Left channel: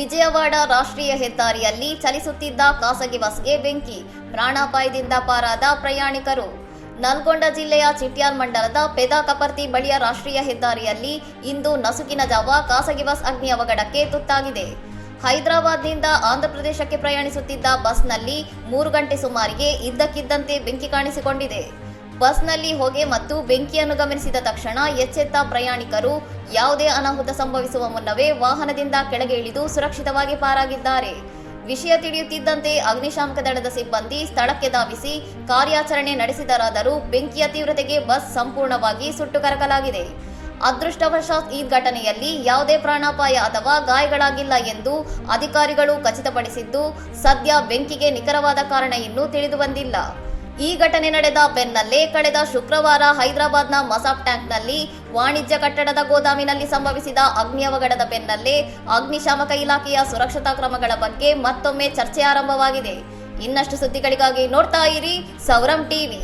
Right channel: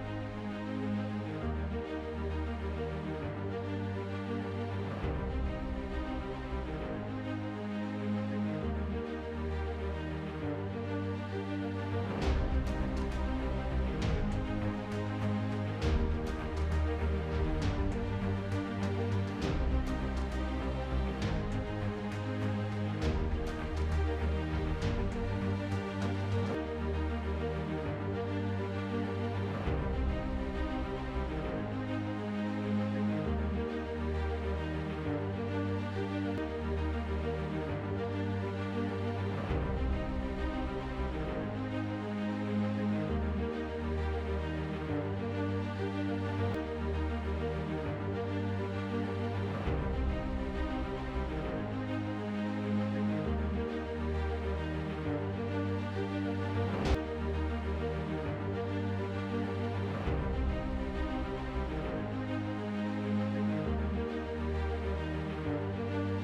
ವಿಜಯವಾಡ ರಾಷ್ಟ್ರೀಯ ಹೆದ್ದಾರಿಯಲ್ಲಿ ಚಲಿಸುತ್ತಿದ್ದ ಖಾಸಗಿ ಬಸ್ಗೆ ಬೆಂಕಿ, ಪ್ರಾಣಾಪಾಯದಿಂದ ಪಾರಾದ ಪ್ರಯಾಣಿಕರು. ನಲ್ಗೊಂಡ ಜಿಲ್ಲೆಯ ಚಿಟ್ಯಾಲ್ ಮಂಡಲದ ಪೆದಾಕಪರ್ತಿ ಬಳಿಯ ರಾಷ್ಟ್ರೀಯ ಹೆದ್ದಾರಿಯಲ್ಲಿ ಇಂದು ನಸುಕಿನ ಜಾವ ಖಾಸಗಿ ಬಸ್ ಅಗ್ನಿ ಅವಘಡಕ್ಕೆ ತುತ್ತಾಗಿದೆ. ಹೈದರಾಬಾದ್ನಿಂದ ಆಂಧ್ರಪ್ರದೇಶಕ್ಕೆ ಪ್ರಯಾಣಿಸುತ್ತಿದ್ದ ಬಸ್ನಲ್ಲಿ 3 ಗಂಟೆ ಸುಮಾರಿಗೆ ಇದ್ದಕ್ಕಿದ್ದಂತೆ ಬೆಂಕಿ ಕಾಣಿಸಿಕೊಂಡಿದೆ. ಬಸ್ನಲ್ಲಿ ಹೊಗೆ ಮತ್ತು ಬೆಂಕಿಯನ್ನು ಗಮನಿಸಿದ ತಕ್ಷಣ ಎಚ್ಚೆತ್ತ ಪ್ರಯಾಣಿಕರು ಯಾವುದೇ ಅನಾಹುತ ಸಂಭವಿಸುವ ಮುನ್ನವೇ ವಾಹನದಿಂದ ಕೆಳಗೆ ಇಳಿದು ಸುರಕ್ಷಿತವಾಗಿ ಪಾರಾಗಿದ್ದಾರೆ. ವಿಷಯ ತಿಳಿಯುತ್ತಿದ್ದಂತೆ ಅಗ್ನಿಶಾಮಕ ದಳದ ಸಿಬ್ಬಂದಿ ಸ್ಥಳಕ್ಕೆ ಧಾವಿಸಿ ಕಾರ್ಯಾಚರಣೆ ನಡೆಸಿದರಾದರೂ ಬೆಂಕಿಯ ತೀವ್ರತೆಗೆ ಬಸ್ ಸಂಪೂರ್ಣವಾಗಿ ಸುಟ್ಟು ಕರಕಲಾಗಿದೆ. ಅದೃಷ್ಟವಶಾತ್ ಈ ಘಟನೆಯಲ್ಲಿ ಯಾವುದೇ ಪ್ರಾಣಾಪಾಯ ಅಥವಾ ಗಾಯಗಳಾಗಿಲ್ಲ ಎಂದು ಅಧಿಕಾರಿಗಳು ಖಚಿತಪಡಿಸಿದ್ದು, ಸದ್ಯ ಬೆಂಕಿಗೆ ನಿಖರವಾದ ಕಾರಣ ಇನ್ನೂ ತಿಳಿದುಬಂದಿಲ್ಲ. ಈ ಘಟನೆ ನಡೆದ ಬೆನ್ನಲ್ಲೇ ಕಳೆದ ಶುಕ್ರವಾರ ಹೈದರಾಬಾದ್ನ ಮಸಾಫ್ ಟ್ಯಾಂಕ್ನಲ್ಲಿ ವಾಣಿಜ್ಯ ಕಟ್ಟಡದ ಗೋದಾಮಿನಲ್ಲಿ ಸಂಭವಿಸಿದ ಅಗ್ನಿ ಅವಘಡದ ಬೆನ್ನಲ್ಲೇ ಅಗ್ನಿಶಾಮಕ ಇಲಾಖೆಯ ಸುರಕ್ಷತಾ ಕ್ರಮಗಳ ಬಗ್ಗೆ ಮತ್ತೊಮ್ಮೆ ಚರ್ಚೆ ಆರಂಭವಾಗಿದೆ. ಇನ್ನಷ್ಟು ಸುದ್ದಿಗಳಿಗಾಗಿ ನೋಡ್ತಾ ಇರಿ ಸೌರಂ ಟಿವಿ.